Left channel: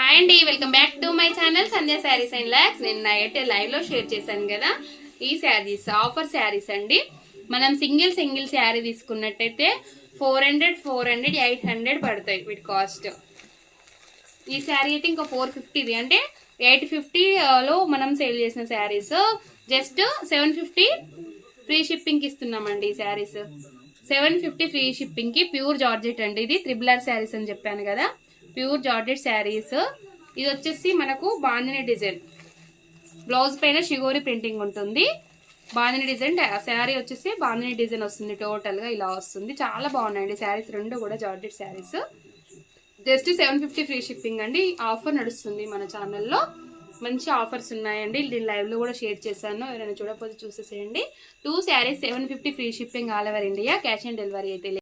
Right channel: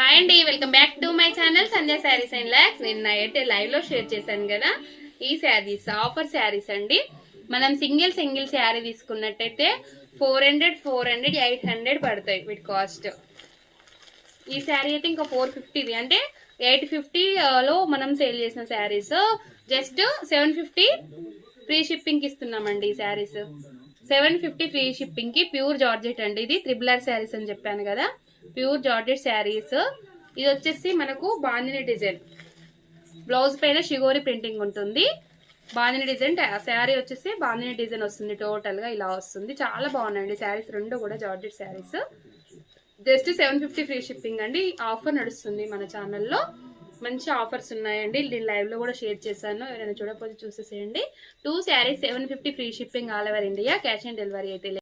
Hi అండి, welcome back to my channel Sandhya saris and lakhs. నేను అయితే లైవ్ లో షేర్ చేశాను కదా ఈ శారీస్, ఆఫర్ శారీస్ అండి. మనం సింగిల్ శారీ తీసుకున్నట్టయితే 400, 800 పడతాయి వీటి కాస్ట్. ఈ శారీ అయితే ఇంకా 450 అంటే 850 లో మనం సేల్ చేసిన శారీస్ జస్ట్ 750 ఫ్రీ షిప్పింగ్ ఇస్తున్నామండి. ఈ శారీస్ 750 ఫ్రీ షిప్పింగ్ కి. ప్యూర్ జార్జెట్ అండి, ఇది త్రిబులర్ శారీస్ అని చెప్పాను కదా, ప్యూర్ జార్జెట్ శారీస్. ఇది వచ్చేసి మనకు బాందిని డిజైన్, బ్లౌజ్ పైన షిగోరి ప్రింటింగ్ ఉంటుంది. బాందిని డిజైన్ శారీ వచ్చేసి బాందిని డిజైన్ వస్తుంది. టోటల్ గా ఇలా వస్తుంది. చాలా బాగున్నాయండి శారీస్, రెండు కూడా georgette saris. Just 750 free shipping అండి. ఆఫర్ నడుస్తుంది మన ఛానల్లో, మంచి ఆఫర్స్ ఉన్నాయండి. నేను లైవ్ లో కూడా షేర్ చేశాను, ఎవరైనా చూడకపోతే చూసేసేయండి. 2 saris 750 free shipping all over India. Cash on delivery అయితే